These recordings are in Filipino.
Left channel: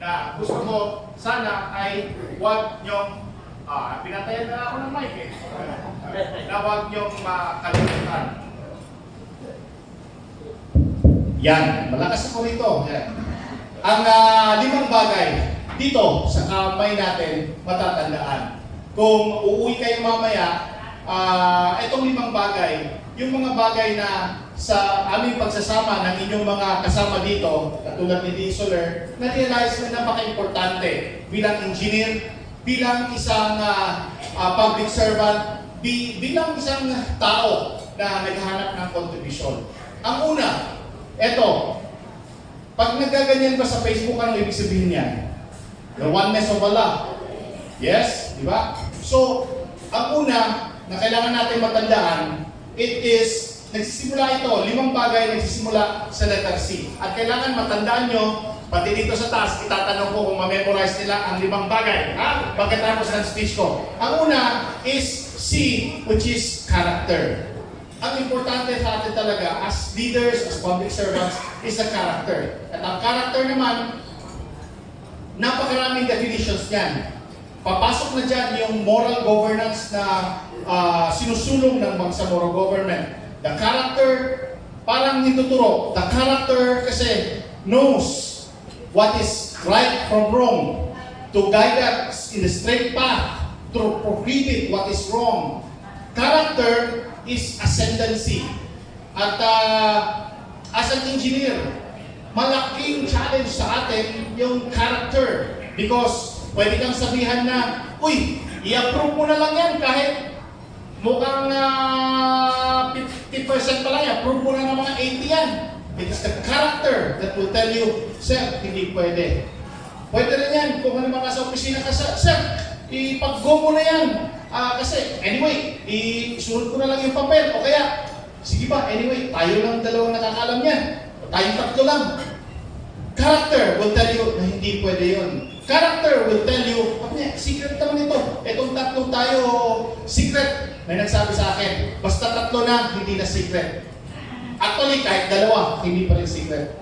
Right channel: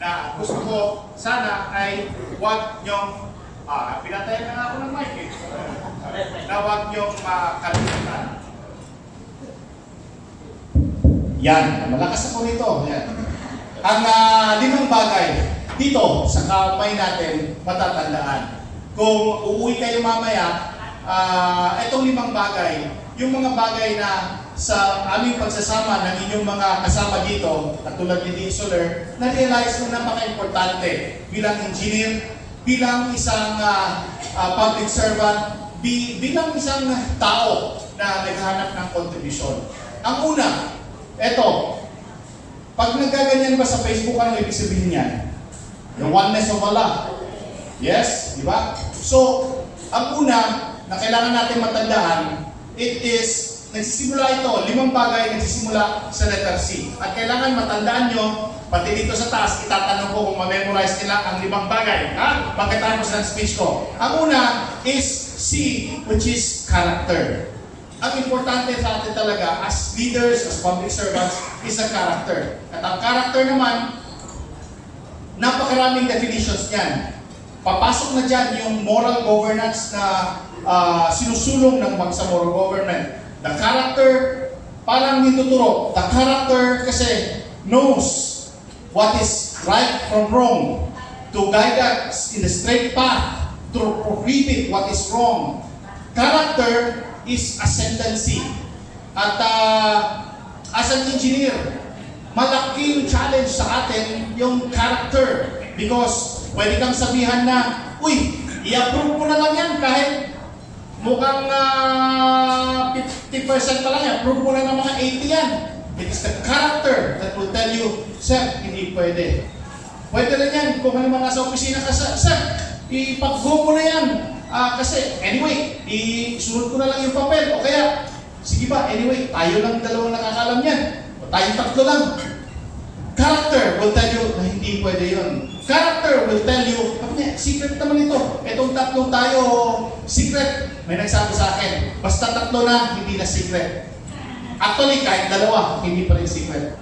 na gusto ko sana ay huwag nyong, pinatayan na ako ng mic eh, na huwag nyong makalimutan. Yan, malakas ako nito. Yan. Ang 5 bagay dito sa kamay natin matatandaan. Kung uuwi kayo mamaya, itong 5 bagay, yung mga bagay na sa aming pagsasama ng inyong mga kasama dito, katulad ni Soler, na-realize na napaka-importante bilang engineer, bilang isang public servant, bilang isang tao na naghahanap ng kontribusyon. Ang una, eto, pag nagaganyan ba sa Facebook, anong ibig sabihin yan? The oneness of Allah. Yes? Di ba? So, ang una na kailangan natin matandaan, it is nagsisimula ito, 5 bagay nagsisimula sa letter C. At kailangan matandaan nyo, pati dito sa taas, itatanong ko kung ma-memorize nila ang 5 bagay. Ha? Pagkatapos ng speech ko. Ang una is C, which is character. Ang importante sa atin talaga, as leaders, as public servants, is a character. At ang character naman, napakaraming definitions niyan. Papasok na dyan yung moral governance na sinusulong ng bangsamoro government. The character, parang nituturo. The character kasi knows what is right from wrong, to guide us in the straight path, to prohibit what is wrong. Character is ascendancy. At as an engineer, malaking challenge sa atin yung character. Because pwede kang sabihan na, uy, i-approve mo na lang yan kahit mukhang 50% pa lang yan, approve mo na ng mga 80 yan. It is the character that will tell you, sir, hindi pwede. Pwede rin yan, kung ano mga sa opisina ka, sir, ipag-go mo na yan. Kasi, anyway, isunod ko na lang yung papel. O kaya, sige ba, anyway, tayo lang dalawang nakakalam yan. O tayong 3 lang. Character will tell you na hindi pwede yun. Character will tell you, secret naman ito. Itong 3 tayo, secret. May nagsabi sa akin, basta 3 na, hindi na secret. Actually, kahit 2, hindi pa rin secret.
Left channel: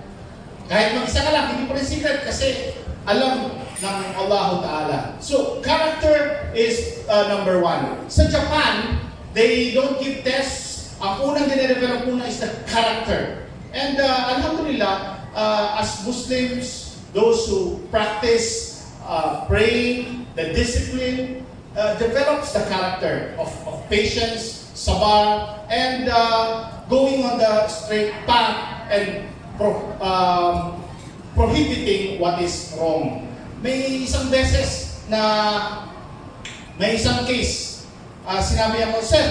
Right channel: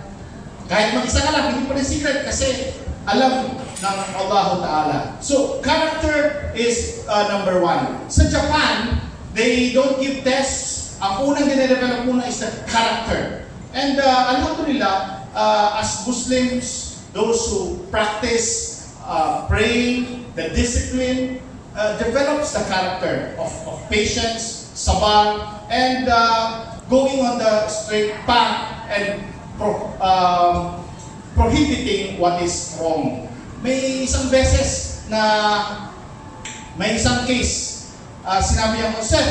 Kahit mag-isa ka lang, hindi pa rin secret kasi alam ng Allah Ta'ala. So, character is number 1. Sa Japan, they don't give tests. Ang unang dinedevelop muna is the character. And alhamdulillah, as Muslims, those who practice praying, the discipline, develops the character of patience, sabar, and going on the straight path and prohibiting what is wrong. May isang beses na may isang case, sinabi ako, sir,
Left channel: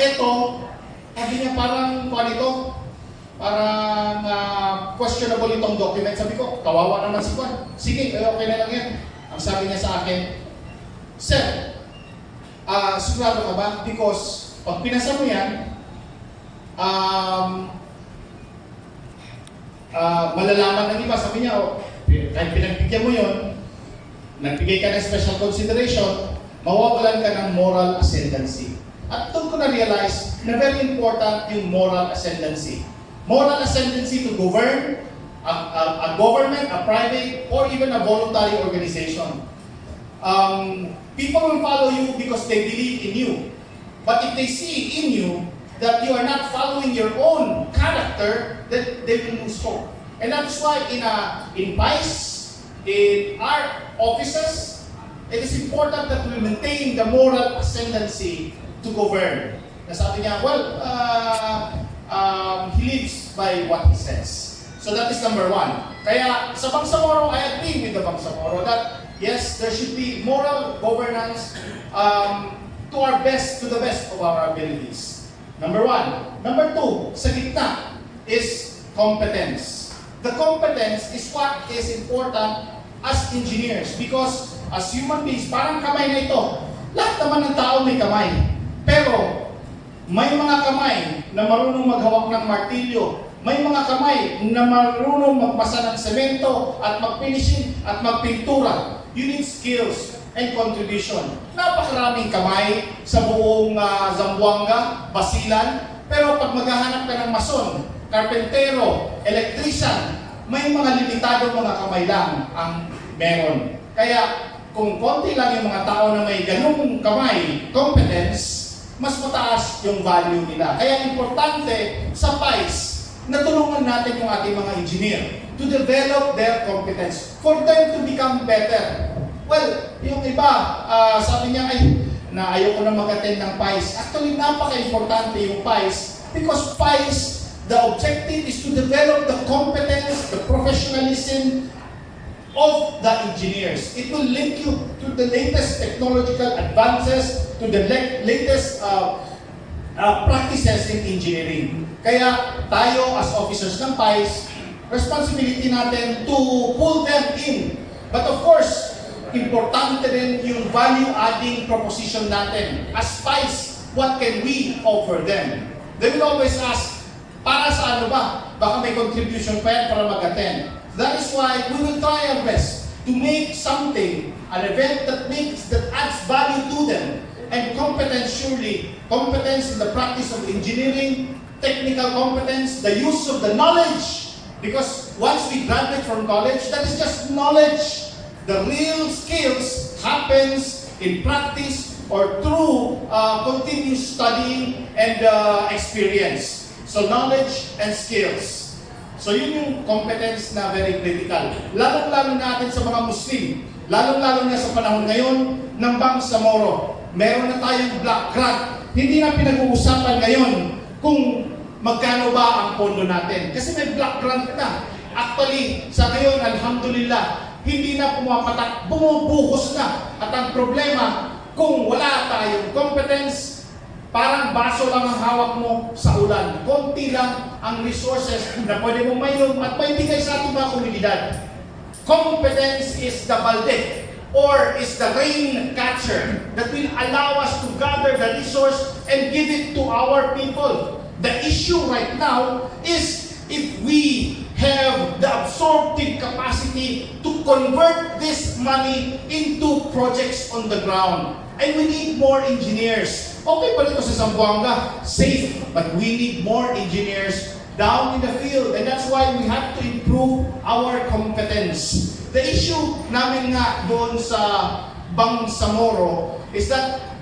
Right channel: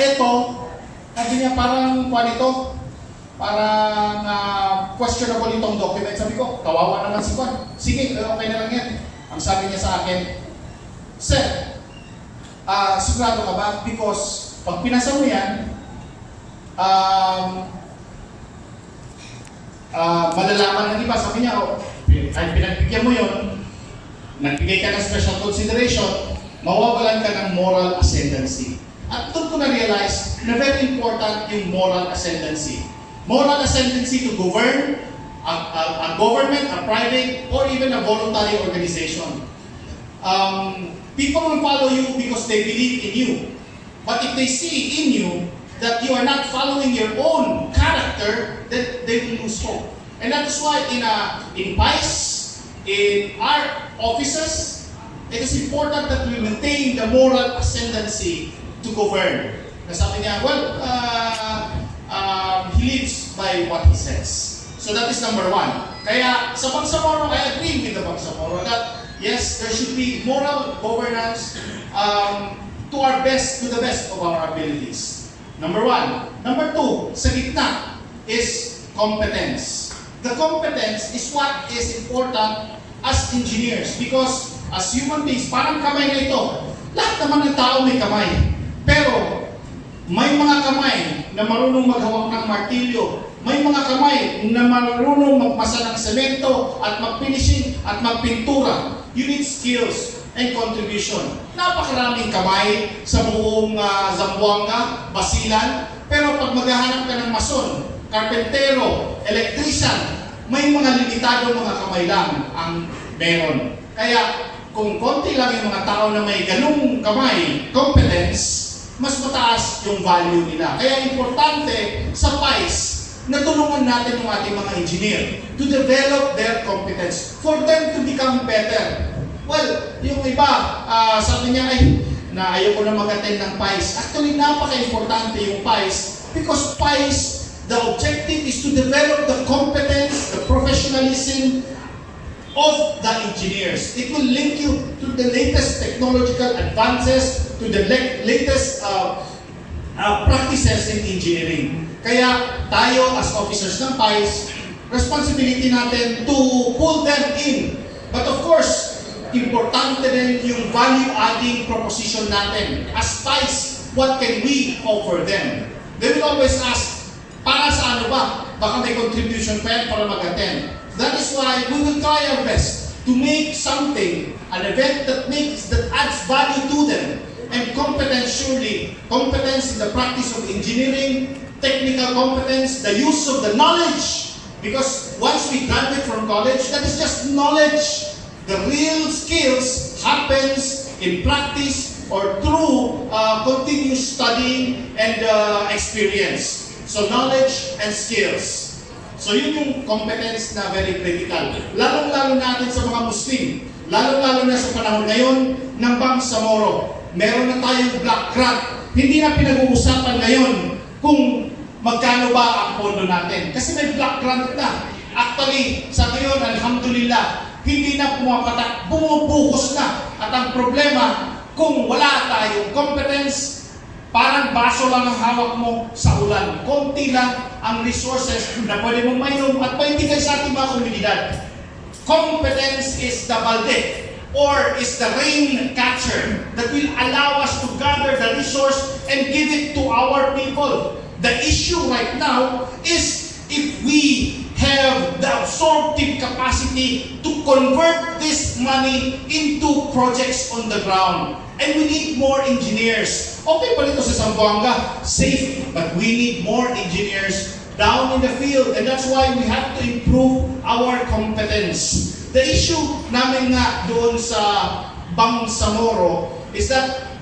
eto, sabi niya parang parang questionable itong document. Sabi ko, kawawa naman si Juan. Sige, okay na lang yan. Ang sabi niya sa akin, sir, sigurado ka ba? Because pag pinasa mo yan, malalaman ng iba. Sabi niya, kahit pinagbigyan mo yun, nagbigay ka ng special consideration, mawawalan ka ng moral ascendancy. At doon ko na-realize na very important yung moral ascendancy. Moral ascendancy to govern a government, a private, or even a voluntary organization. People will follow you because they believe in you. But if they see in you that you are not following your own character, then they will lose hope. And that's why in PICE, in our offices, it is important that we maintain the moral ascendancy to govern. Nasabi niya, well, he lives by what he says. So that is number 1. Kaya sa Bangsamoro, I agree with the Bangsamoro that yes, there should be moral governance to the best of our abilities. Number 1. Number 2, sa gitna is competence. The competence is what is important as engineers because as human beings, parang kamay na ito. Lahat naman ng tao may kamay. Pero may mga kamay na marunong maghawak ng martilyo. May mga kamay na marunong magmasa ng semento at magfinishing at magpintura. You need skills and contribution. Napakaraming kamay sa buong Zamboanga, Basilan. Pero pag maghahanap ka ng mason, karpentero, electrician, may mga limitado mga kamay lang ang meron. Kaya kung konti lang yung mga tao na may ganung kamay, competence, mas mataas yung value nila. Kaya importante sa PICE na tulungan natin yung ating mga engineer to develop their competence for them to become better. Well, yung iba, sabi niya, na ayoko na mag-attend ng PICE. Actually, napaka-importante yung PICE because PICE, the objective is to develop the competence, the professionalism of the engineers. It will link you to the latest technological advances, to the latest practices in engineering. Kaya tayo as officers ng PICE, responsibility natin to pull them in. But of course, importante din yung value-adding proposition natin. As PICE, what can we offer them? They will always ask, para sa ano ba? Baka may contribution pa yan para mag-attend. That is why we will try our best to make something, an event that adds value to them. And competence, surely, competence in the practice of engineering, technical competence, the use of the knowledge. Because once we graduate from college, that is just knowledge. The real skills happens in practice or through continuous studying and experience. So knowledge and skills. So yun yung competence na very critical. Lalong-lalo natin sa mga Muslim. Lalong-lalo na sa panahon ngayon ng Bangsamoro. Meron na tayong black grant. Hindi na pinag-uusapan ngayon kung magkano ba ang pondo natin. Kasi may black grant na. Actually, sa ngayon, alhamdulillah, hindi na pumapatak, bumubuhos na. At ang problema, kung wala tayong competence, parang baso lang ang hawak mo sa ulan. Konti lang ang resources na pwede mong mainom at maibigay sa ating mga komunidad. Competence is the balde or is the rain catcher that will allow us to gather the resource and give it to our people. The issue right now is if we have the absorptive capacity to convert this money into projects on the ground. And we need more engineers. Okay pa dito sa Zamboanga, safe, but we need more engineers down in the field. And that's why we have to improve our competence. The issue namin nga doon sa Bangsamoro is that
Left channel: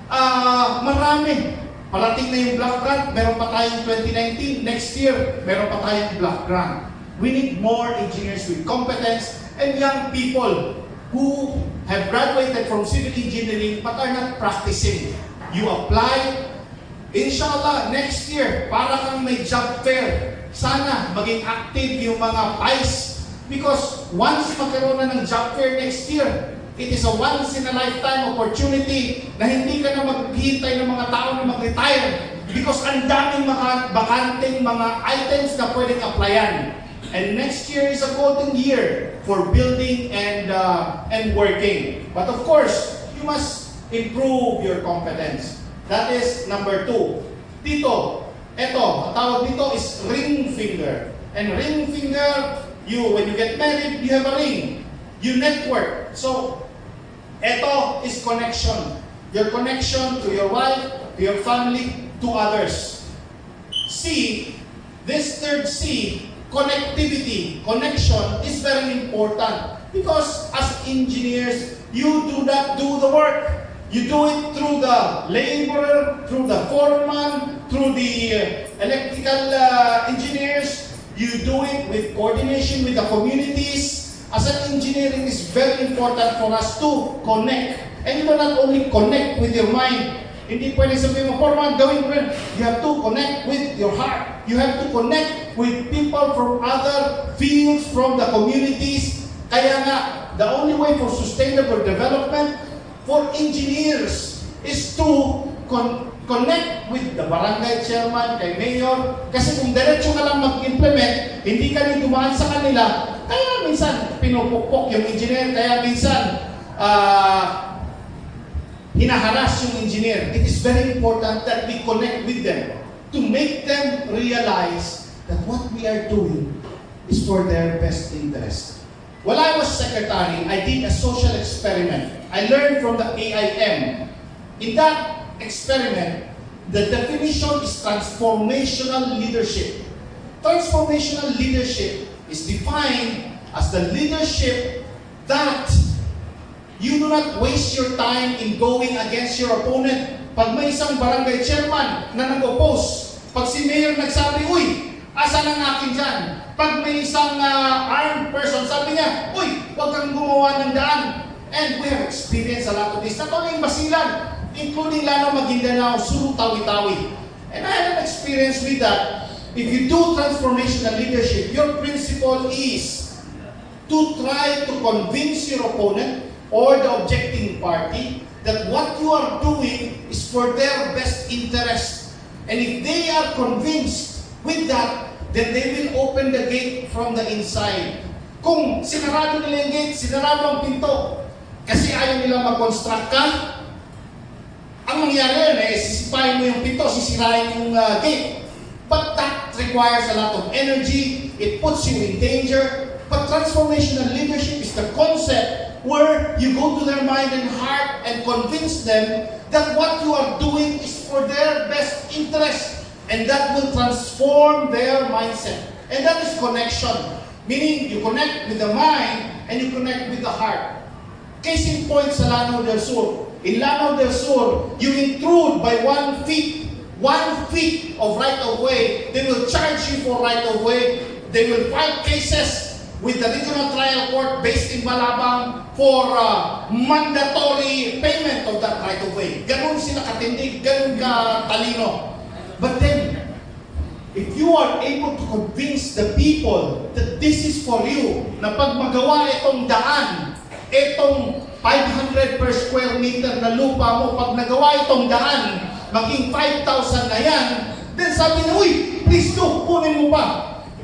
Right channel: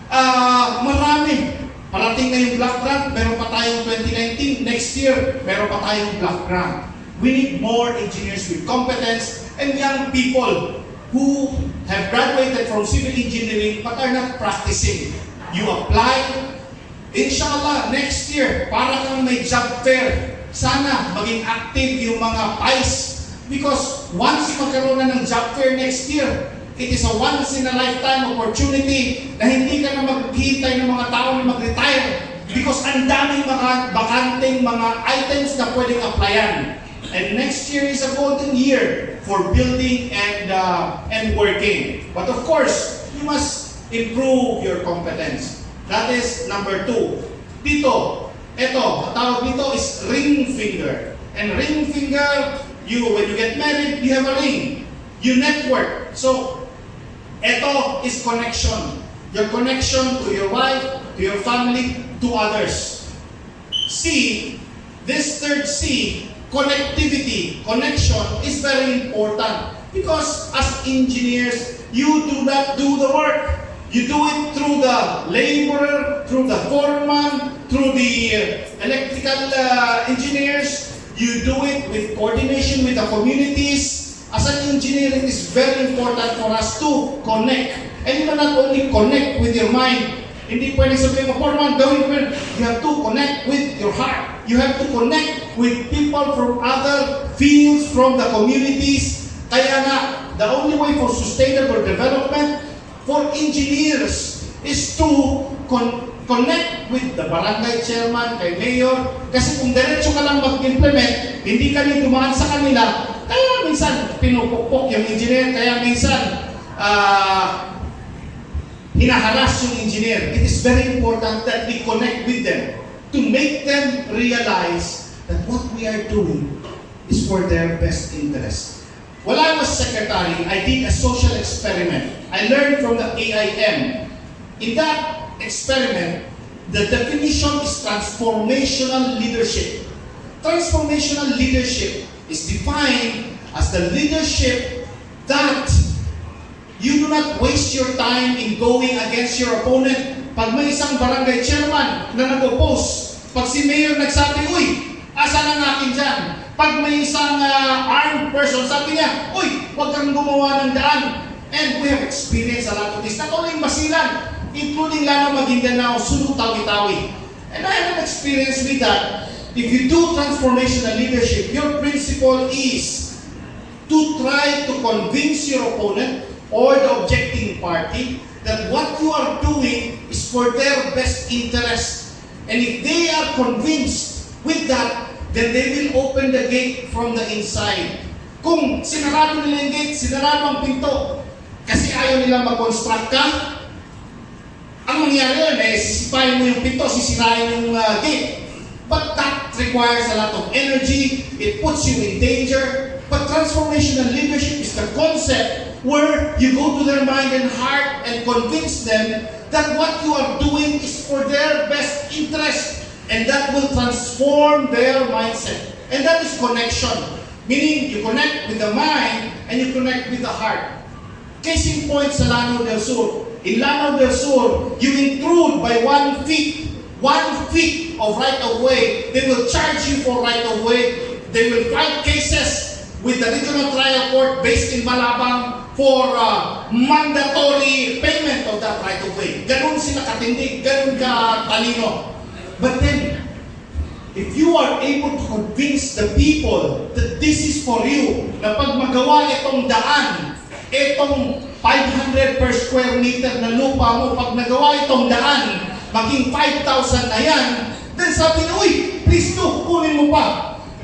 marami. Parating na yung black grant, meron pa tayong 2019. Next year, meron pa tayong black grant. We need more engineers with competence and young people who have graduated from civil engineering but are not practicing. You apply, inshallah, next year, para kang may job fair. Sana maging active yung mga PICE because once magkaroon na ng job fair next year, it is a once-in-a-lifetime opportunity na hindi ka na maghihintay ng mga tao na mag-retire because ang daming mga bakanteng mga items na pwedeng applyan. And next year is a golden year for building and working. But of course, you must improve your competence. That is number 2. Dito, ang tawag dito is ring finger. And ring finger, when you get married, you have a ring. You network. So, ito is connection. Your connection to your wife, to your family, to others. C, this third C, connectivity, connection is very important because as engineers, you do not do the work. You do it through the laborer, through the foreman, through the electrical engineers. You do it with coordination with the communities. As an engineer, it is very important for us to connect. And you not only connect with your mind. Hindi pwede sabihin mo, foreman, gawin ko. You have to connect with your heart. You have to connect with people from other fields, from the communities. Kaya nga, the only way for sustainable development for engineers is to connect with the barangay chairman, kay mayor. Kasi kung diretso ka lang mag-implement, hindi ka rin dumaan sa kanila, kaya minsan pinupukpok yung engineer, kaya minsan hinaharas yung engineer. It is very important that we connect with them to make them realize that what we are doing is for their best interest. While I was secretary, I did a social experiment. I learned from the AIM. In that experiment, the definition is transformational leadership. Transformational leadership is defined as the leadership that you do not waste your time in going against your opponent. Pag may isang barangay chairman na nag-oppose, pag si mayor nagsabi, uy, asan ang akin dyan? Pag may isang armed person, sabi niya, uy, huwag kang gumawa ng daan. And we have experienced a lot of this, not only in Basilan, including Lanao, Maguindanao, Sulu, Tawi-Tawi. And I have experience with that. If you do transformational leadership, your principle is to try to convince your opponent or the objecting party that what you are doing is for their best interest. And if they are convinced with that, then they will open the gate from the inside. Kung sinarado nila yung gate, sinarado ang pinto, kasi ayaw nila mag-construct ka, ang mangyari yun sisipain mo yung pinto, sisirain yung gate. But that requires a lot of energy, it puts you in danger. But transformational leadership is the concept where you go to their mind and heart and convince them that what you are doing is for their best interest. And that will transform their mindset. And that is connection. Meaning, you connect with the mind and you connect with the heart. Case in point sa Lanao del Sur. In Lanao del Sur, you intrude by 1 feet of right-of-way, they will charge you for right-of-way. They will fight cases with the regional trial court based in Malabang for mandatory payment of that right-of-way. Ganun sila katindig, ganun ka talino. But then, if you are able to convince the people that this is for you, na pag magawa itong daan, itong 500 per square meter na lupa mo, pag nagawa itong daan, maging 5,000 na yan, then sabi niya, uy, please do, kunin mo pa.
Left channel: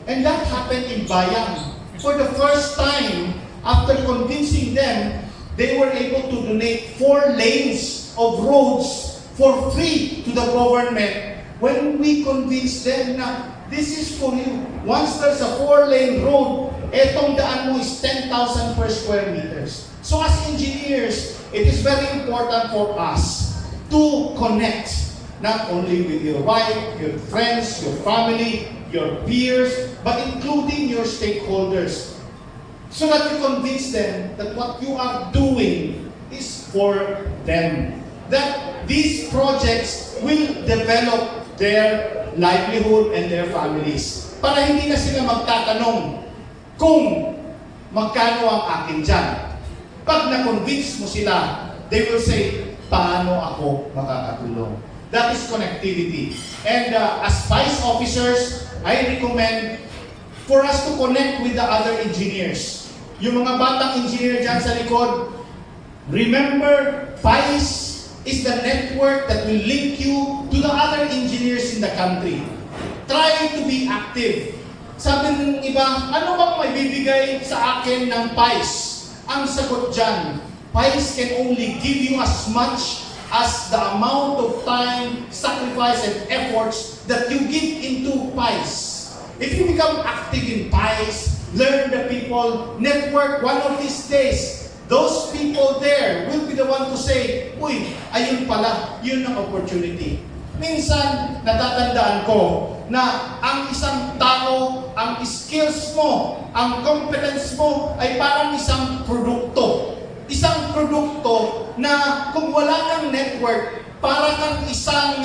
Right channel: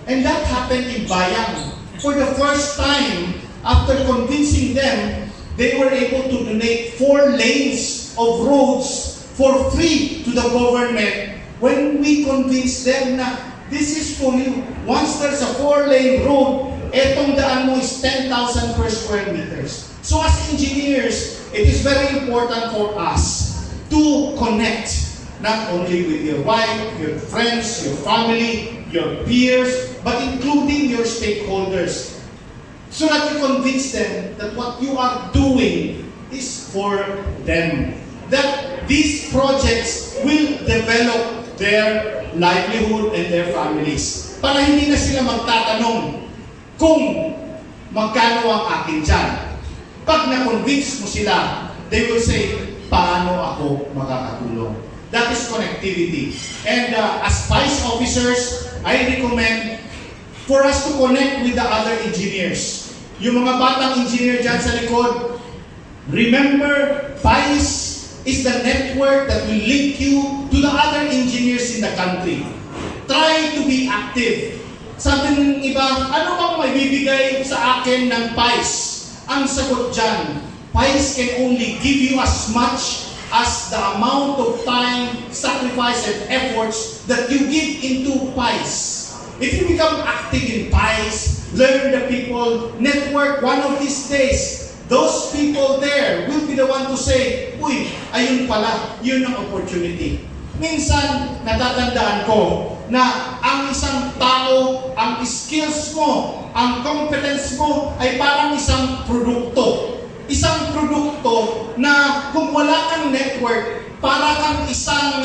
And that happened in Bayang. For the first time, after convincing them, they were able to donate 4 lanes of roads for free to the government. When we convince them na this is for you, once there's a 4-lane road, etong daan mo is 10,000 per square meters. So as engineers, it is very important for us to connect not only with your wife, your friends, your family, your peers, but including your stakeholders, so that you convince them that what you are doing is for them. That these projects will develop their livelihood and their families. Para hindi na sila magtatanong kung magkano ang akin dyan. Pag na-convince mo sila, they will say, paano ako makakatulong? That is connectivity. And as PICE officers, I recommend for us to connect with the other engineers. Yung mga batang engineer dyan sa likod, remember, PICE is the network that will link you to the other engineers in the country. Try to be active. Sabi ng iba, ano bang may bibigay sa akin ng PICE? Ang sagot dyan, PICE can only give you as much as the amount of time, sacrifice, and efforts that you give into PICE. If you become active in PICE, learn the people, network, one of these days, those people there will be the one to say, uy, ayun pala, yun ang opportunity. Minsan, natatandaan ko na ang isang tao, ang skills mo, ang competence mo ay parang isang produkto. Isang produkto na kung wala kang network, para kang isang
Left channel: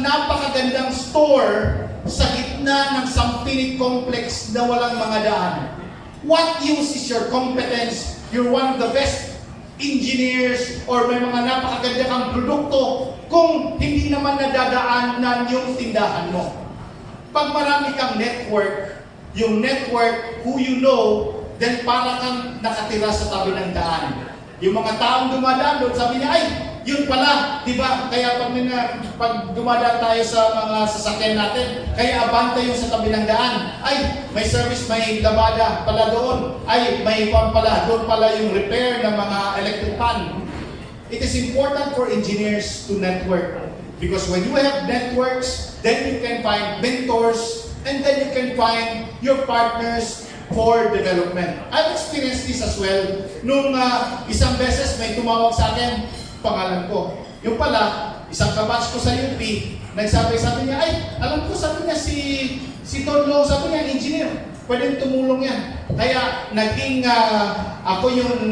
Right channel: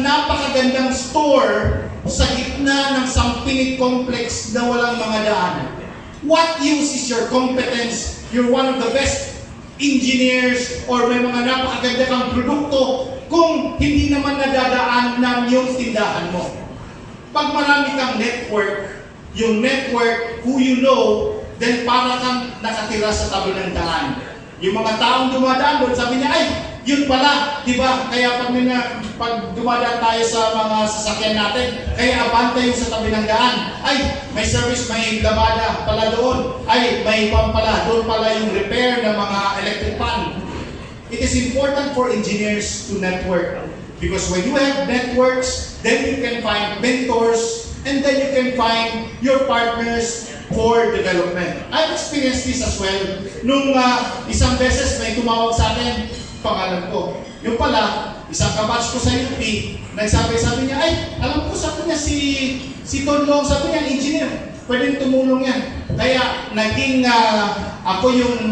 napakagandang store sa gitna ng Sampinig complex na walang mga daan. What use is your competence? You're one of the best engineers or may mga napakaganda kang produkto kung hindi naman nadadaanan yung tindahan mo. Pag marami kang network, yung network, who you know, then para kang nakatira sa tabi ng daan. Yung mga taong dumadaan doon, sabi niya, ay, yun pala, di ba? Kaya pag dumadaan tayo sa mga sasakyan natin, kaya abante yung sa tabi ng daan. Ay, may service, may labada pala doon. Ay, may pang pala, doon pala yung repair ng mga electric pan. It is important for engineers to network. Because when you have networks, then you can find mentors, and then you can find your partners for development. I've experienced this as well. Nung isang beses may tumawag sa akin, pangalan ko. Yung pala, isang kabatch ko sa UP, sabi niya, ay, alam ko, sabi niya, si Don Loong, sabi niya, engineer, pwedeng tumulong yan. Kaya naging ako yung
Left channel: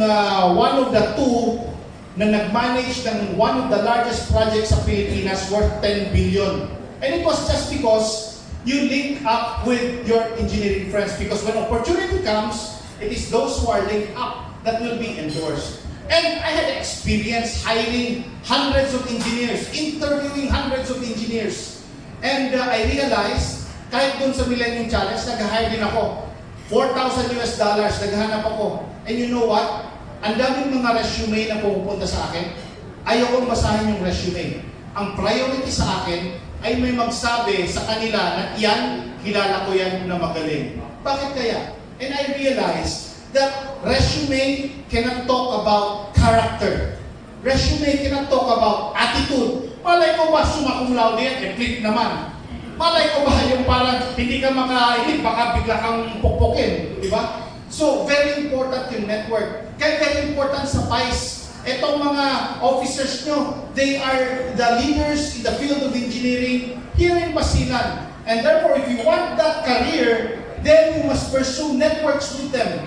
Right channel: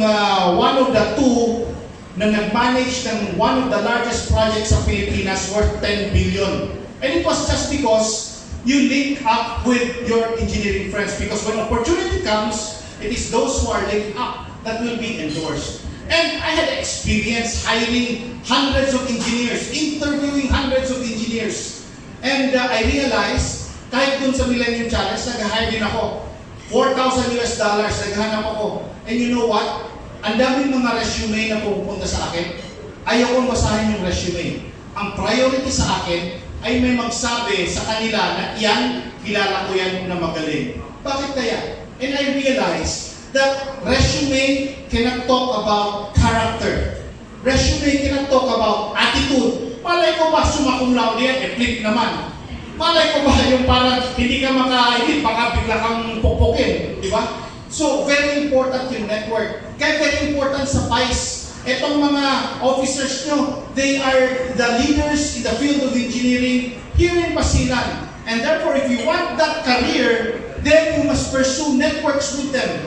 one of the two na nag-manage ng one of the largest projects sa Pilipinas worth 10 billion. And it was just because you link up with your engineering friends, because when opportunity comes, it is those who are linked up that will be endorsed. And I had experience hiring hundreds of engineers, interviewing hundreds of engineers. And I realized, kahit dun sa Millennium Challenge, nag-hire din ako. $4,000 naghanap ako. And you know what? Ang daming mga resume na pumupunta sa akin. Ayokong basahin yung resume. Ang priority sa akin ay may magsabi sa kanila na yan, kilala ko yan na magaling. Bakit kaya? And I realized that resume cannot talk about character. Resume cannot talk about attitude. Malay ko ba sumakong laude yan? Flip naman. Malay ko ba yung parang hindi ka makainit, baka bigla kang pukpukin, di ba? So, very important yung network. Kaya very important sa PICE. Etong mga officers nyo, they are the leaders in the field of engineering here in Basilan. And therefore, if you want that career, then you must pursue networks with them.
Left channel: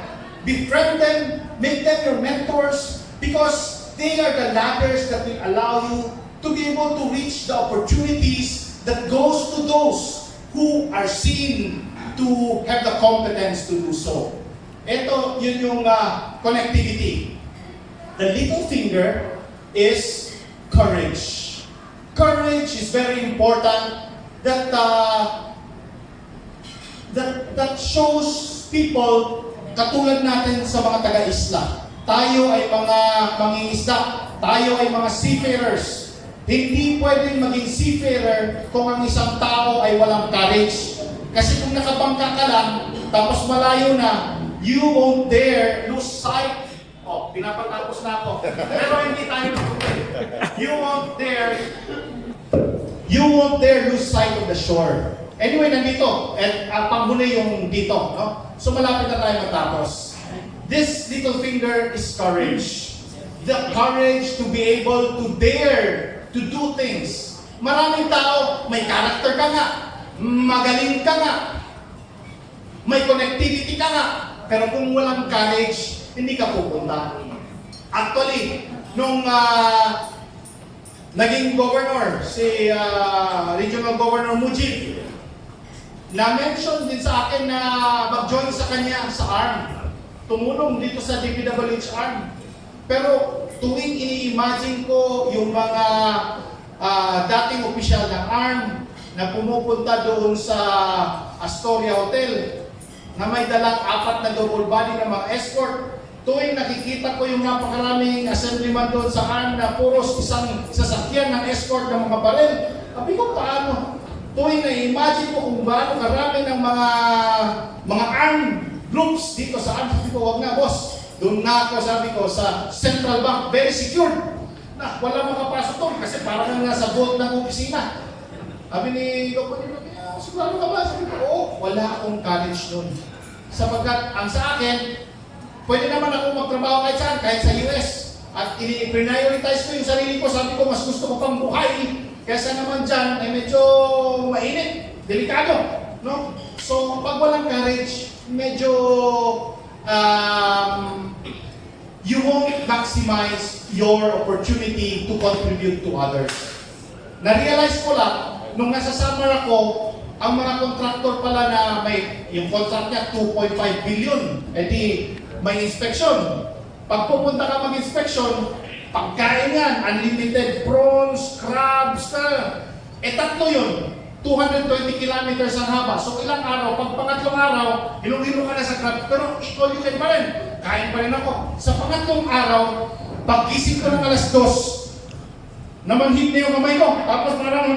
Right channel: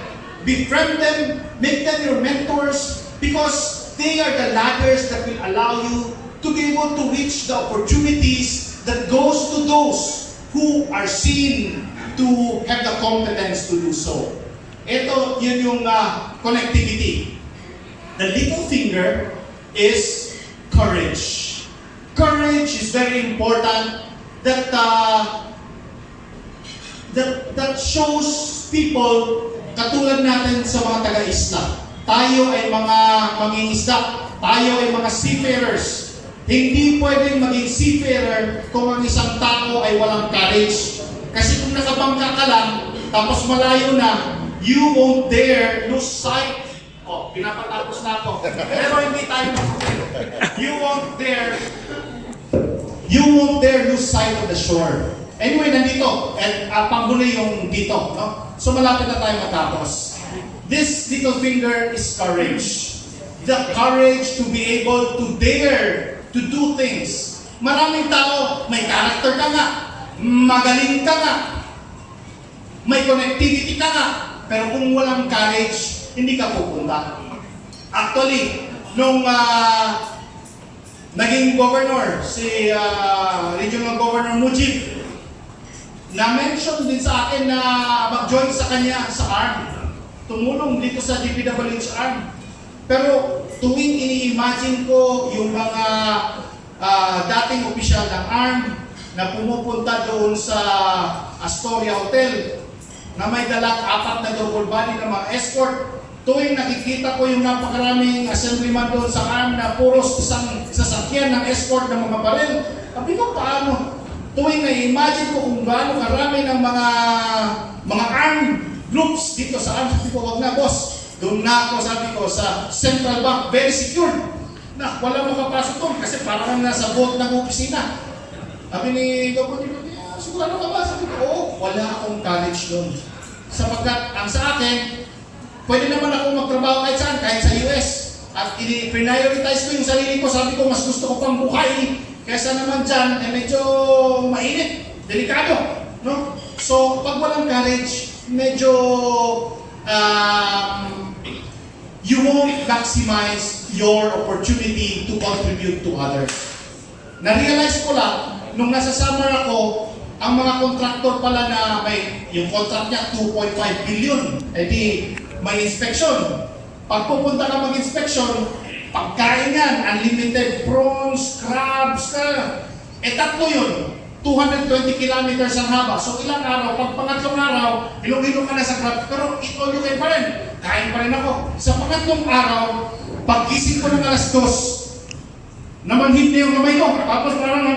Befriend them, make them your mentors, because they are the ladders that will allow you to be able to reach the opportunities that goes to those who are seen to have the competence to do so. Ito, yun yung connectivity. The little finger is courage. Courage is very important. That shows people, katulad natin sa mga taga-isla. Tayo ay mga mangingisda. Tayo ay mga seafarers. Hindi pwedeng maging seafarer kung ang isang tao ay walang courage. Kasi kung nakabangka ka lang, tapos malayo na, you won't dare lose sight. Oh, pinapatapos na ako. Pero hindi tayo nakutin. You won't dare lose sight of the shore. Anyway, nandito. At panghuli yung dito. No? So malapit na tayo matapos. This little finger is courage. The courage to be able to dare to do things. Maraming tao, may character ka nga, magaling ka nga, may connectivity ka nga, pero kung walang courage, hindi ka pupunta. Actually, nung naging governor, si Regional Governor Mujib, na-mention din sa akin na mag-join sa kanya sa ARM. Tumulong dito sa DPWH ARM. Pero tuwing ini-imagine ko yung mga dating opisyal ng ARM na pumupunta doon sa Astoria Hotel na may dalang 4 na double body na mga escort, tuwing nakikita ko yung napakaraming assemblyman doon sa ARM na puros isang sasakyan ng escort ng mga baril, sabi ko, paano? Tuwing na-imagine ko kung gaano karami ng mga ARM groups dito sa ARM, sabi ko, wag na boss, doon na ako, sabi ko, sa Central Bank, very secured. Na, wala makapasok doon kasi parang nasa vault ng opisina. Sabi ni Dr. Sigurado ka ba? Sabi ko, oo, wala akong college doon. Sapagkat ang sa akin, pwede naman ako magtrabaho kahit saan, kahit sa US. At i-prioritize ko yung sarili ko. Sabi ko, mas gusto ko pang buhay. Kesa naman dyan, ay medyo mainit, delikado. No? So, pag walang college, medyo you won't maximize your opportunity to contribute to others. Na-realize ko lang, nung nasa summer ako, ang mga contractor pala na may, yung contract niya 2.5 billion, edi may inspection. Pag pupunta ka mag-inspection, pagkain yan, unlimited prawns, crabs, tatlo yun. 220 kilometers ang haba. So ilang araw, pag pangatlong araw, hilong-hilong ka na sa crab, pero eat all you can pa rin. Kain pa rin ako. Sa pangatlong araw, pagkising ko ng alas 2, namanhid na yung kamay ko. Tapos parang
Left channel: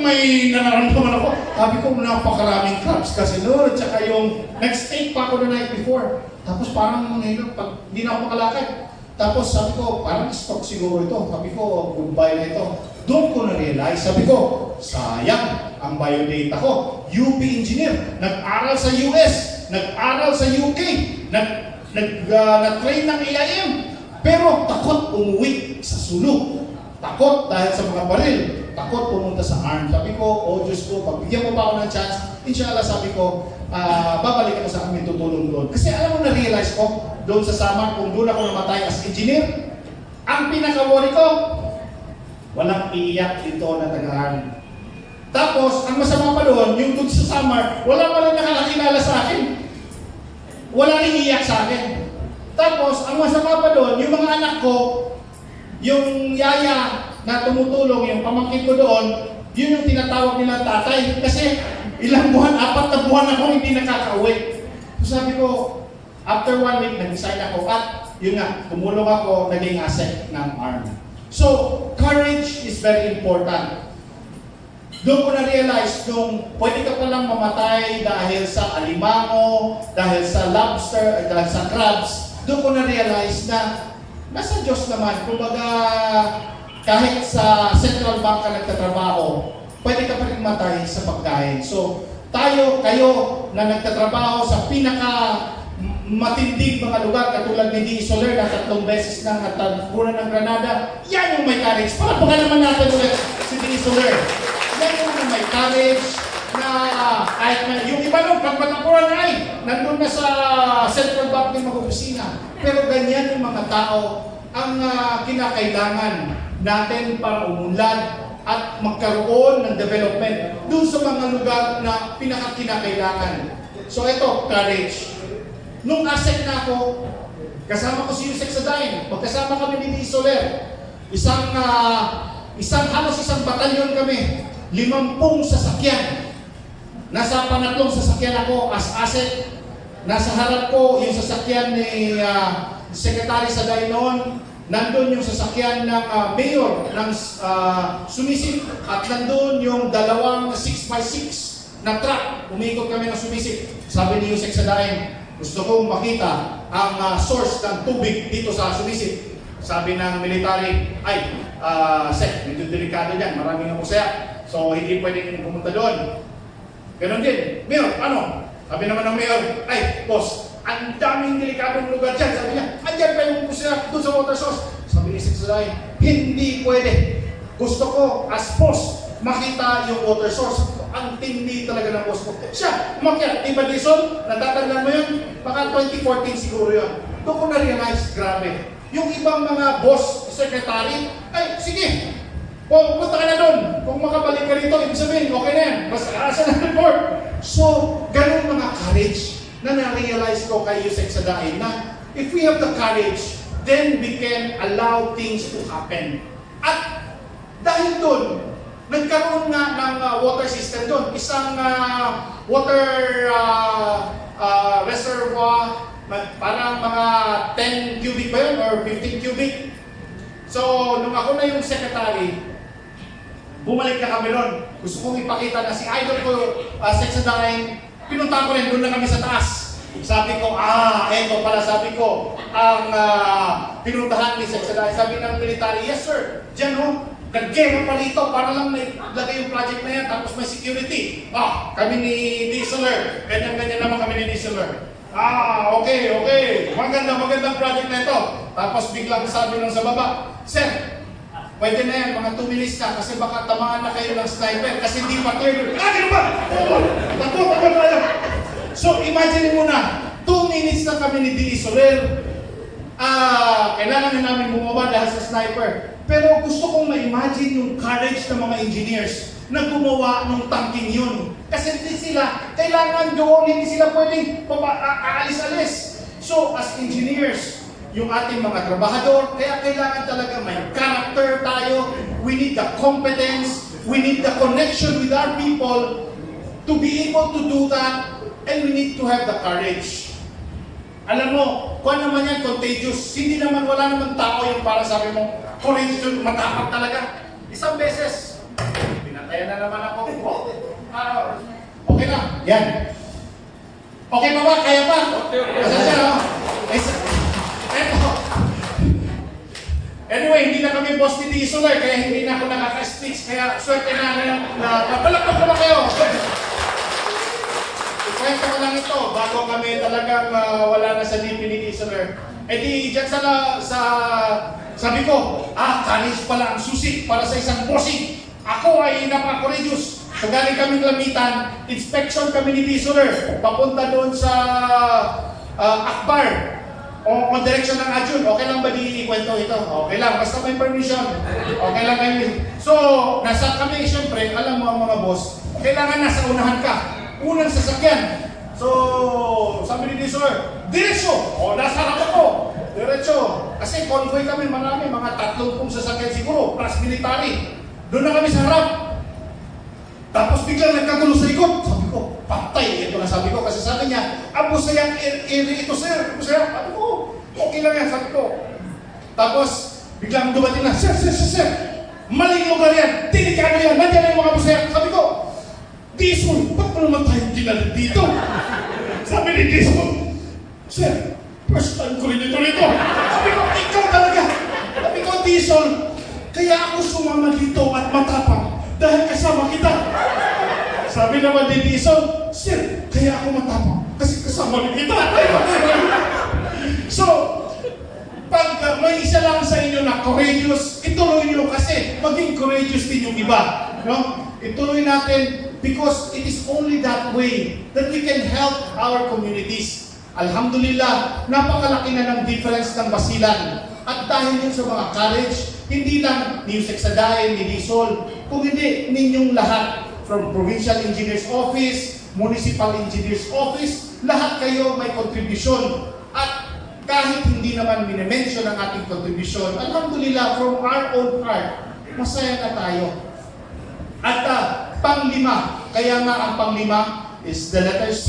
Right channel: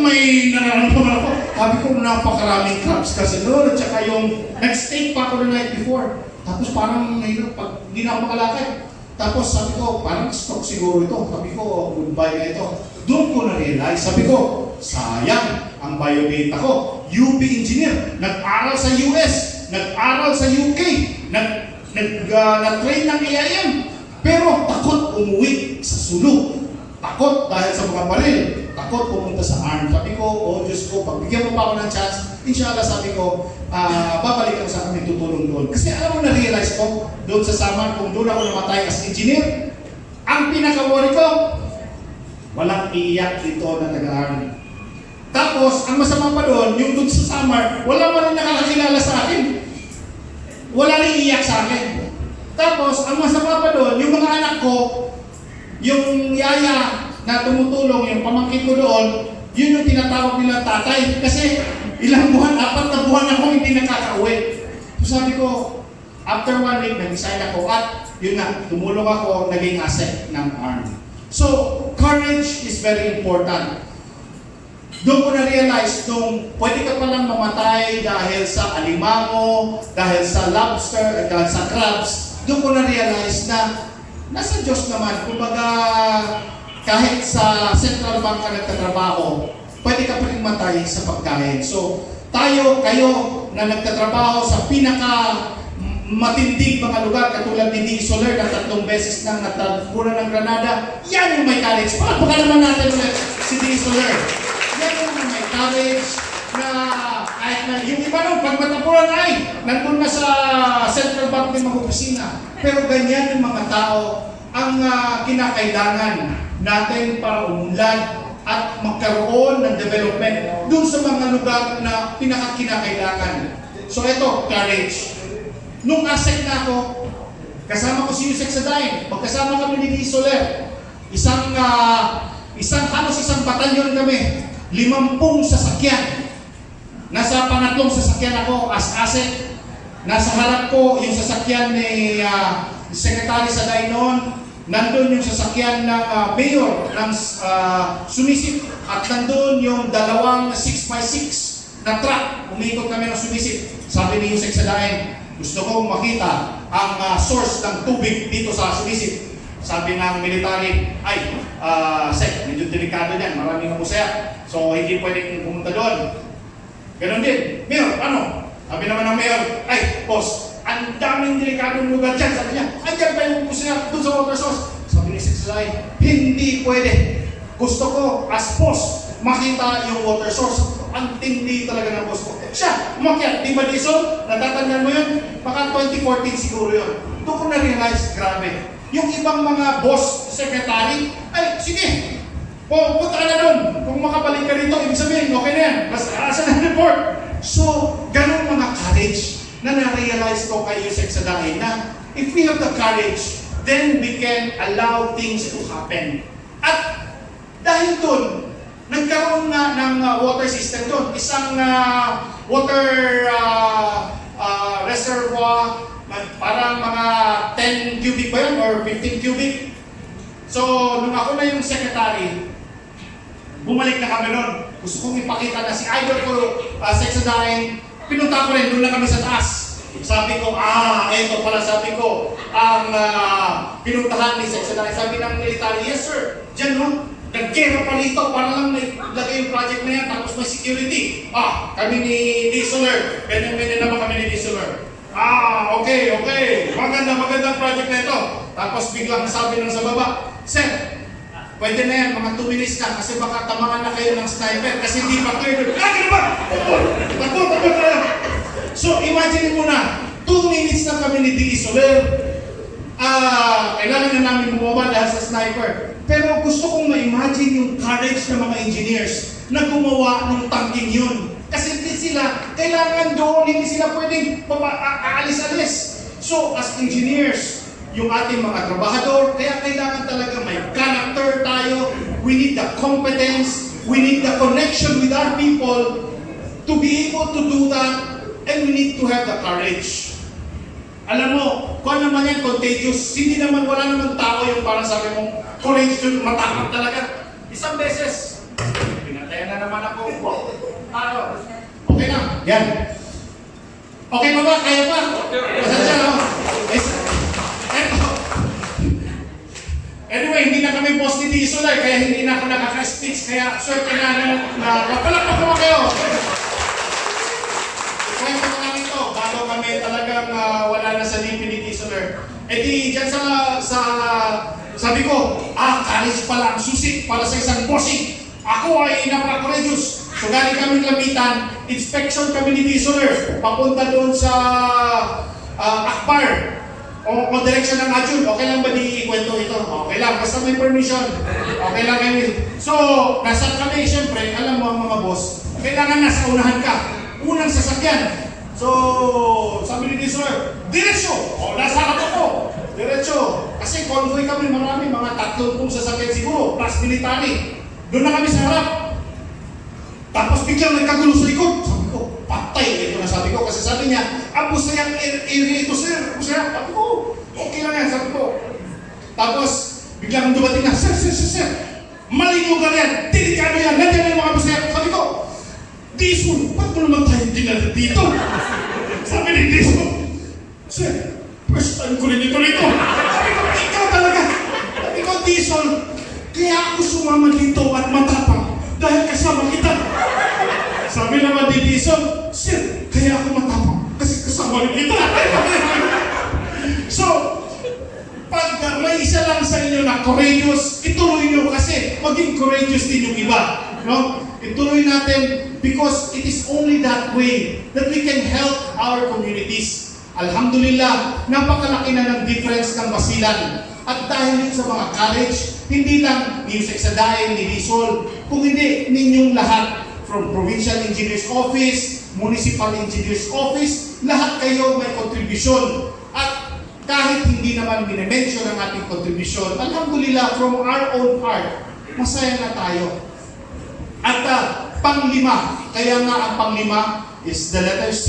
may nararamdaman ako. Sabi ko, napakaraming crabs kasi doon. At saka yung nag-steak pa ako the night before. Tapos parang pag hindi na ako makalakad. Tapos sabi ko, parang stock siguro ito. Sabi ko, goodbye na ito. Doon ko na-realize. Sabi ko, sayang ang biodata ko. UP engineer, nag-aral sa US, nag-aral sa UK, nag-train ng AIM. Pero takot umuwi sa sulok. takot dahil sa mga baril, takot pumunta sa arm. Sabi ko, oh Diyos ko, pagbigyan mo pa ako ng chance, inshallah sabi ko, babalik ako sa amin, tutulong doon. Kasi alam mo, na-realize ko, doon sa Samar, kung doon ako namatay as engineer, ang pinaka-worry ko, walang iiyak dito na taga-army. Tapos, ang masama pa doon, yung doon sa Samar, wala pa rin nakakakilala sa akin. Wala rin iiyak sa akin. Tapos, ang masama pa doon, yung mga anak ko, yung yaya na tumutulong, yung pamangkin ko doon, yun yung tinatawag nila tatay. Kasi ilang buwan, 4 na buwan ako hindi nakaka-uwi. So sabi ko, after 1 week, nag-resign ako at yun nga, tumulong ako, naging asset ng army. So, courage is very important. Doon ko na-realize, nung pwede ka palang mamatay dahil sa alimango, dahil sa lobster, dahil sa crabs, doon ko na-realize na nasa Diyos naman. Kumbaga, kahit sa Central Bank ka nagtatrabaho, pwede ka pa rin matay sa pagkain. So, kayo na nagtatrabaho sa pinaka matinding mga lugar, katulad ni D. Soler na 3 beses nang natagpunan ng Granada, yan yung may courage. Palakpakan naman natin ulit si D. Soler. Yan yung may courage na kahit na yung iba nun, pag matapunan ay nandun na sa Central Bank ng mga opisina. Pero ganyan yung mga tao ang kinakailangan natin para umunlad at magkaroon ng development dun sa mga lugar na pinakakinakailangan. So ito, courage. Nung ASEC na ako, kasama ko si Yusek Sadain, pagkasama kami ni Soler, isang batalyon kami, 50 sasakyan. Nasa pangatlong sasakyan ako as ASEC. Nasa harap ko yung sasakyan ni Secretary Sadain noon. Nandun yung sasakyan ng mayor ng Sumisip. At nandun yung 2 6x6 na truck. Umikot kami ng Sumisip. Sabi ni Yusek Sadain, gusto kong makita ang source ng tubig dito sa Sumisip. Sabi ng military, ay, Sek, medyo delikado dyan, maraming musaya. So, hindi pwedeng pumunta doon. Ganon din. Mayor, ano? Sabi naman ng mayor, ay, boss, ang daming delikadong lugar dyan. Sabi niya, andyan pa yung kusina doon sa water source. Sabi ni Sexalay, hindi pwede. Gusto ko, as boss, makita yung water source. Ang tindi talaga ng boss ko. Siya, umakyat. Di ba, Dison? Natatandaan mo yun? Baka 2014 siguro yun. Doon ko na-realize, grabe. Yung ibang mga boss, secretary, ay, sige, punta ka na doon. Kung makabalik ka dito, ibig sabihin, okay na yan. Basta asa na report. So, ganun mga courage na na-realize ko kay Yusek Sadain na if we have the courage, then we can allow things to happen. At dahil doon, nagkaroon nga ng water system doon. Isang water reservoir, parang mga 10 cubic ba yun or 15 cubic. So, nung ako na yung secretary, bumalik na kami nun. Gusto kong ipakita na si idol ko, Sexadain, pinunta ko rin, doon na kami sa taas. Sabi ko, eto pala sabi ko, ang pinuntahan ni Sexadain. Sabi ng military, yes sir, dyan no, nag-gero pa rito para lang may lagay yung project na yan, tapos may security. Kami ni Dieseler, ganyan-ganyan naman kami ni Dieseler. Okay, magandang project na ito. Tapos biglang sabi ng sa baba, sir, pwede na yan, mga 2 minutes na kasi baka tamaan na kayo ng sniper kasi hindi pa clear. Ganun ba? Takbo tayo. So imagine mo na, 2 minutes na kami ni D. Soler. Kailangan na namin bumaba dahil sa sniper. Pero gusto kong ma-imagine yung courage ng mga engineers na gumawa ng tangking yun. Kasi hindi sila, kailangan doon, hindi sila pwedeng aalis-alis. So as engineers, yung ating mga trabahador, kaya kailangan talaga may character tayo. We need the competence, we need the connection with our people to be able to do that, and we need to have the courage. Alam mo, kung naman yan, contagious, hindi naman, wala naman tao yung parang sabi mo, courageous, matakot talaga. Isang beses, pinatayan na naman ako. Okay na, yan. Okay pa ba? Kaya pa? Pasensya na. Anyway, hindi na kami boss ni Dieseler, kaya hindi na ako nakaka-speech, kaya swerte na napalakpak naman kayo. Kwento ko lang ito, bago kami talagang wala na sa lipi ni Dieseler. Eh di, dyan sabi ko, courage pala ang susi para sa isang bossing. Ako ay napaka-courageous. So galing kaming Lamitan, inspection kami ni Bisoler, papunta doon sa Akbar, o direction ng Ajun. Okay lang ba di ikwento ito? Okay lang, basta may permission. Okay lang kayo. So, nasa kami, siyempre, alam mo mga boss, kailangan nasa unahan ka. Unang sasakyan. So, sabi ni Bisoler, diretso! O, nasa harap ako. Diretso. Kasi convoy kami, marami, mga 30 sasakyan siguro, plus military. Doon na kami sa harap. Tapos biglang nagkagulo sa likod. Sabi ko, patay. Ito na sabi ko. Kasi sabi niya, abos na yung area ito, sir. Abos na. Sabi ko, okay lang yan. Sabi ko. Tapos, biglang dumating na, sir. Maling lugar yan. Delikado yan. Nandiyan na yung mga abos na yan. Sabi ko, Dison, ba't mo naman tayo dinala dito? Sabi ni Dison, sir, first time ko rin ito rito. Sabi ko, ikaw talaga. Sabi ko, Dison, kaya ako sumama dito at matapang. Dahil kasama kita. Sabi naman ni Dison, sir, kaya ako matapang. Kasi kasama ni kita. So, pag may isa lang sa inyo na courageous, ituloy nyo kasi maging courageous din yung iba. No? Ituloy natin because it is only that way that we can help our communities. Alhamdulillah, napakalaki na ng difference ng Basilan. At dahil yun sa mga college, hindi lang music sa dahin, ni Rizal, kung hindi ninyong lahat, from Provincial Engineers Office, Municipal Engineers Office, lahat kayo may kontribusyon. At kahit hindi naman minimension ang ating kontribusyon, alhamdulillah, from our own heart, masaya na tayo. At panglima, kaya nga ang panglima is the letter C,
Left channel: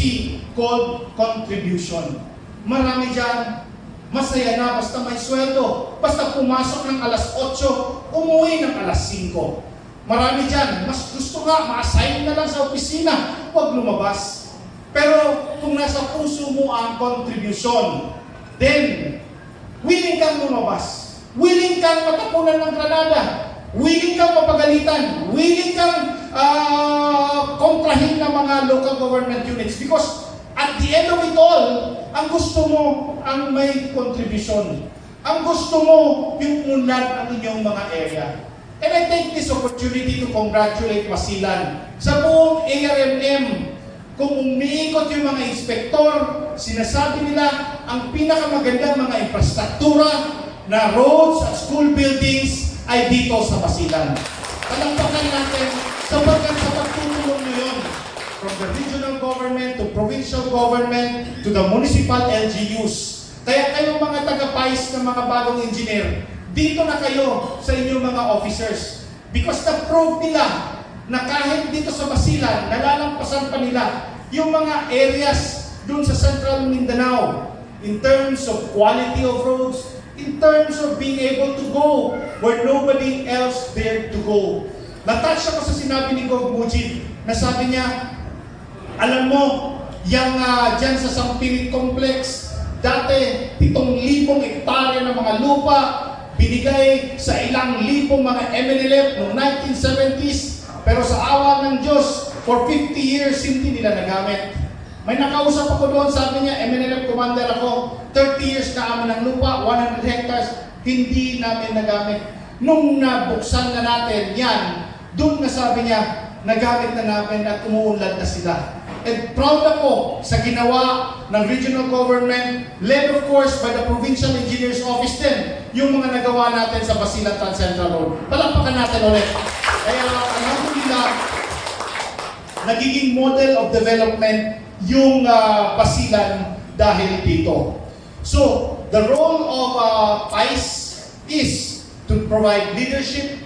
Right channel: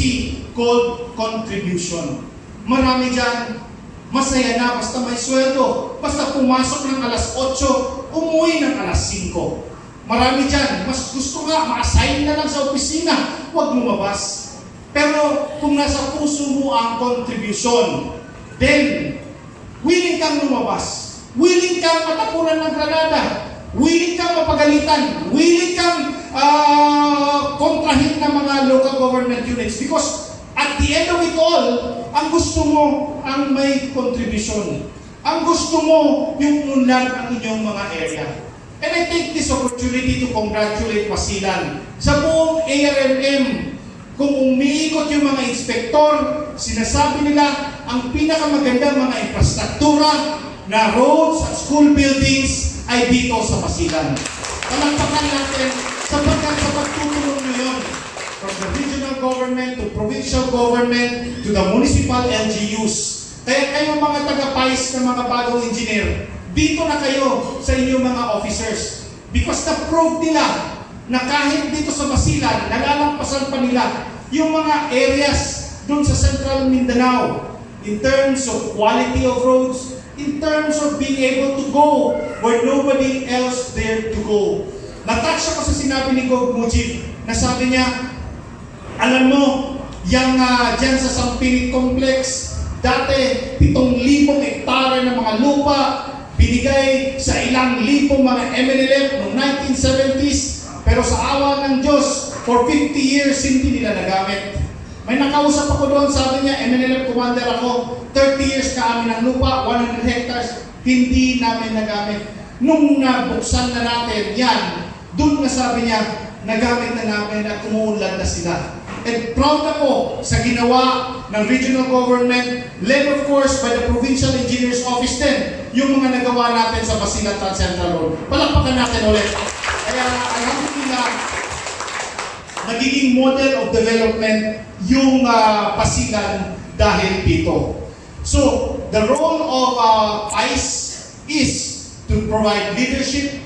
called contribution. Marami dyan, masaya na basta may sweldo, basta pumasok ng alas 8, umuwi ng alas 5. Marami dyan, mas gusto nga, ma-assign na lang sa opisina, huwag lumabas. Pero kung nasa puso mo ang contribution, then willing kang lumabas, willing kang matapunan ng granada, willing kang mapagalitan, willing kang kontrahin ng mga local government units because at the end of it all, ang gusto mo ang may contribution. Ang gusto mo yung unlad ang inyong mga area. And I take this opportunity to congratulate Basilan sa buong ARMM. Kung umiikot yung mga inspektor, sinasabi nila ang pinakamagandang mga infrastruktura na roads at school buildings ay dito sa Basilan. Palakpakan natin sapagkat sa pagtutulong nyo yun from the regional government to provincial government to the municipal LGUs. Kaya kayo mga taga-PICE ng mga bagong engineer, dito na kayo sa inyong mga officers. Because na-prove nila na kahit dito sa Basilan, nalalampasan pa nila yung mga areas dun sa Central Mindanao in terms of quality of roads, in terms of being able to go where nobody else dared to go. Natouch ako sa sinabi ni Gov. Mujib na sabi niya, alam mo, yung dyan sa Sampinit Complex, dati 7,000 hektare ng mga lupa, binigay sa ilang libong mga MNLF noong 1970s, pero sa awa ng Diyos, for 50 years hindi nila nagamit. May nakausap ako doon, sabi niya, MNLF commander ako, 30 years na amin ang lupa, 100 hectares, hindi namin nagamit. Nung nabuksan na natin yan, doon na sabi niya, nagamit na namin at umuunlad na sila. And proud ako sa ginawa ng regional government, led of course by the Provincial Engineers Office din, yung mga nagawa natin sa Basilan Central Road. Palakpakan natin ulit. Kaya alhamdulillah, nagiging model of development yung Basilan dahil dito. So, the role of PICE is to provide leadership,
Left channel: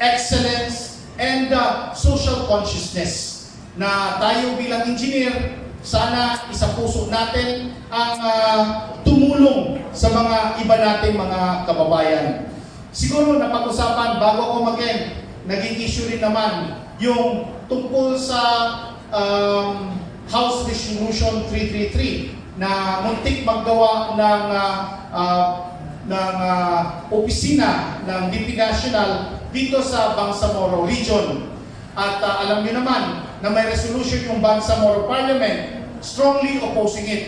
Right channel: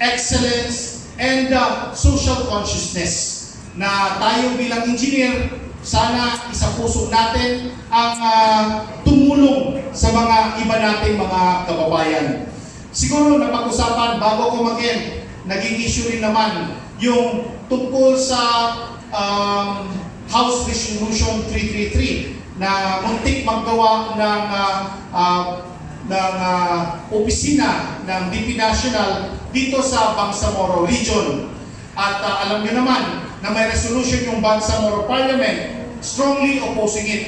excellence, and social consciousness. Na tayo bilang engineer, sana isapuso natin ang tumulong sa mga iba nating mga kababayan. Siguro napag-usapan, bago ako mag-end, naging issue rin naman yung tungkol sa House Resolution 333 na muntik maggawa ng opisina ng DP National dito sa Bangsamoro Region. At alam niyo naman na may resolution yung Bangsamoro Parliament strongly opposing it.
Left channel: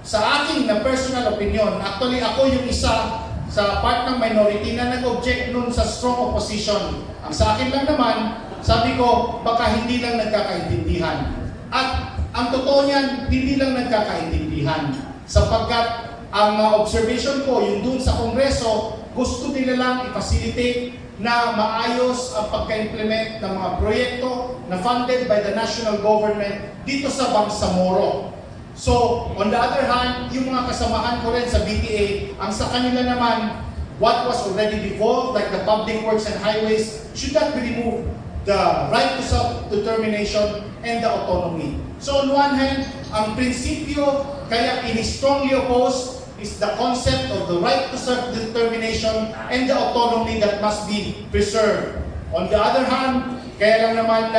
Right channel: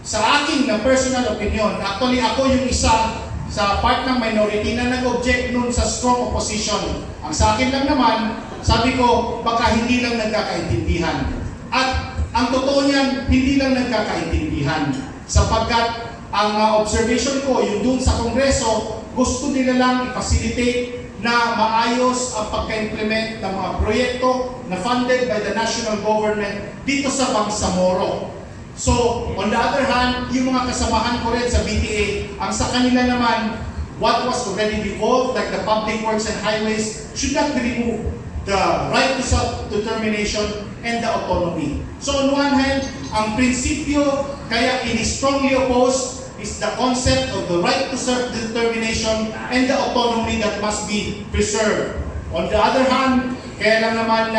Sa aking na personal opinion, actually ako yung isa sa part ng minority na nag-object nun sa strong opposition. Ang sa akin lang naman, sabi ko, baka hindi lang nagkakaintindihan. At ang totoo niyan, hindi lang nagkakaintindihan. Sapagkat ang observation ko, yung dun sa Kongreso, gusto nila lang i-facilitate na maayos ang pagka-implement ng mga proyekto na funded by the national government dito sa Bangsamoro. So, on the other hand, yung mga kasamahan ko rin sa BTA, ang sa kanila naman, what was already devolved, like the public works and highways, should not be removed. The right to self-determination and the autonomy. So on one hand, ang prinsipyo kaya ini-strongly opposed is the concept of the right to self-determination and the autonomy that must be preserved. On the other hand, kaya lang naman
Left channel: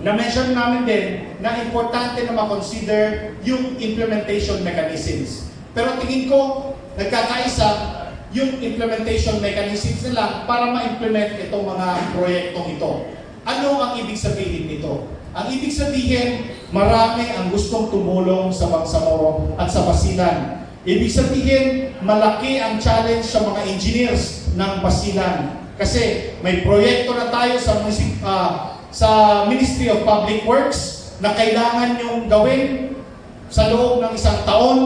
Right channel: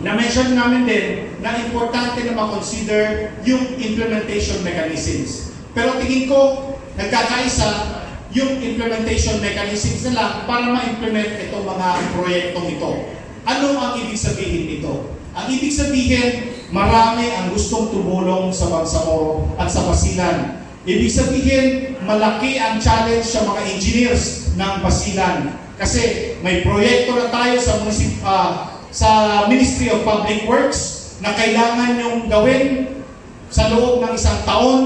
na-mention namin din na importante na makonsider yung implementation mechanisms. Pero tingin ko, nagkakaisa yung implementation mechanisms nila para ma-implement itong mga proyektong ito. Ano ang ibig sabihin nito? Ang ibig sabihin, marami ang gustong tumulong sa Bangsamoro at sa Basilan. Ibig sabihin, malaki ang challenge sa mga engineers ng Basilan. Kasi may proyekto na tayo sa Ministry of Public Works na kailangan yung gawin sa loob ng isang taon,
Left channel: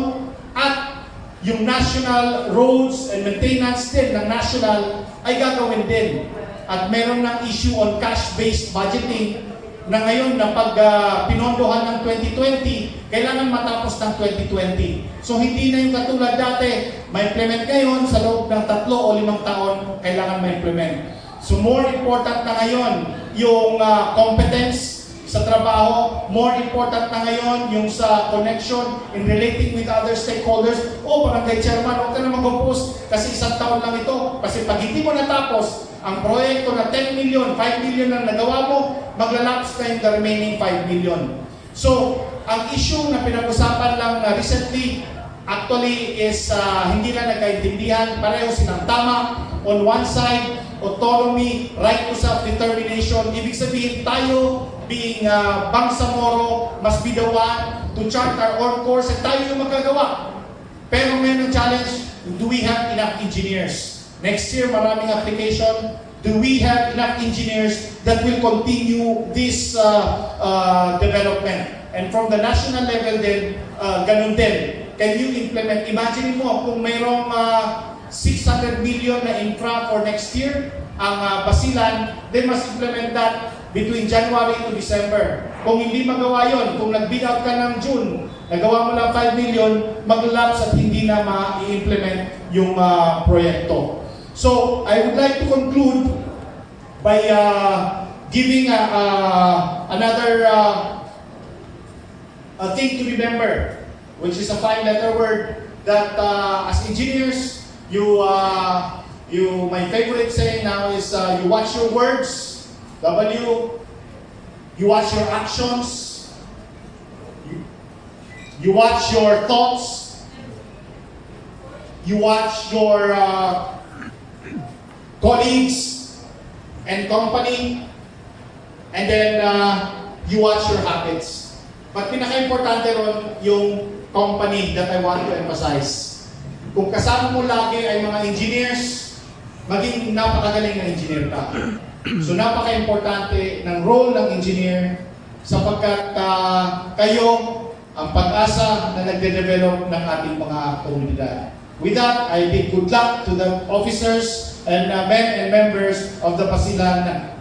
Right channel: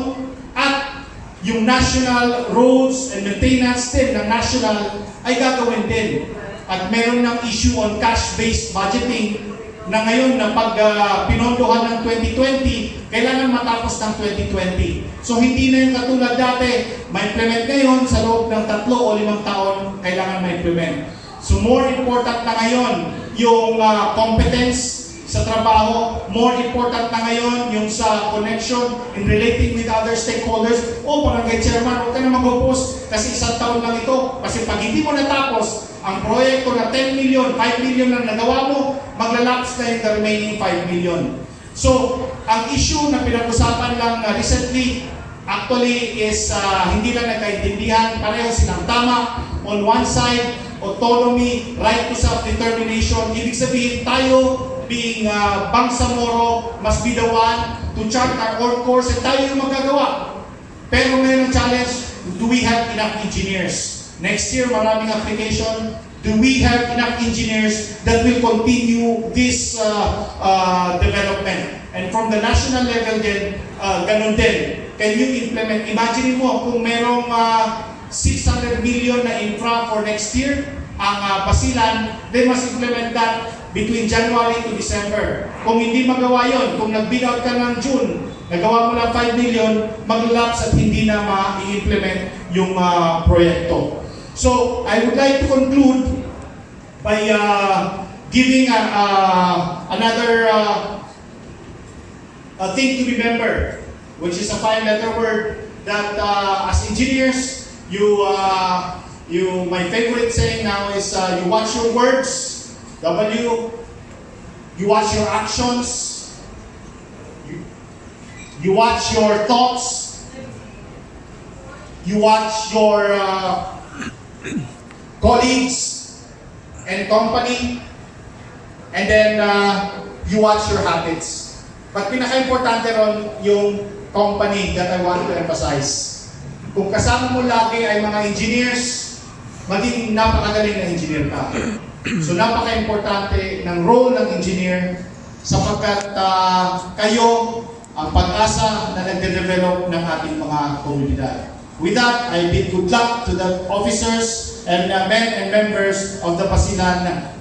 at yung national roads and maintenance din ng national ay gagawin din. At meron ng issue on cash-based budgeting na ngayon na pag pinondohan ng 2020, kailangan matapos ng 2020. So hindi na yung katulad dati, ma-implement ngayon sa loob ng 3 o 5 taon, kailangan ma-implement. So more important na ngayon yung competence sa trabaho, more important na ngayon yung sa connection in relating with other stakeholders. Barangay chairman, huwag ka na mag-oppose kasi 1 taon lang ito. Kasi pag hindi mo natapos ang proyekto na 10 million, 5 million lang nagawa mo, maglalapse na yung the remaining 5 million. So, ang issue na pinag-usapan lang na recently, actually is hindi lang nagkaintindihan, pareho silang tama. On one side, autonomy, right to self-determination. Ibig sabihin, tayo being Bangsamoro must be the one to chart our own course at tayo yung magagawa. Pero may challenge, do we have enough engineers? Next year, maraming application. Do we have enough engineers that will continue this development? And from the national level din, ganun din. Can you implement? Imagine mo kung merong 600 million na infra for next year, ang Basilan, they must implement that between January to December. Kung hindi magawa yon, kung nag-bid out ka ng June, nagawa mo lang 5 million, mag-lapse at hindi na ma-implement yung proyekto. So, I would like to conclude by giving another thing to remember, which is a 5-letter word that as engineers, my favorite saying now is you watch your words, W, you watch your actions, you watch your thoughts, you watch your colleagues and company, and then you watch your habits. But pinaka-importante ron yung company that I want to emphasize. Kung kasama mo lagi ay mga engineers, maging napakagaling na engineer ka. So napaka-importante ng role ng engineer sapagkat kayo ang pag-asa na nagde-develop ng ating mga komunidad. With that, I bid good luck to the officers and men and members of the Basilan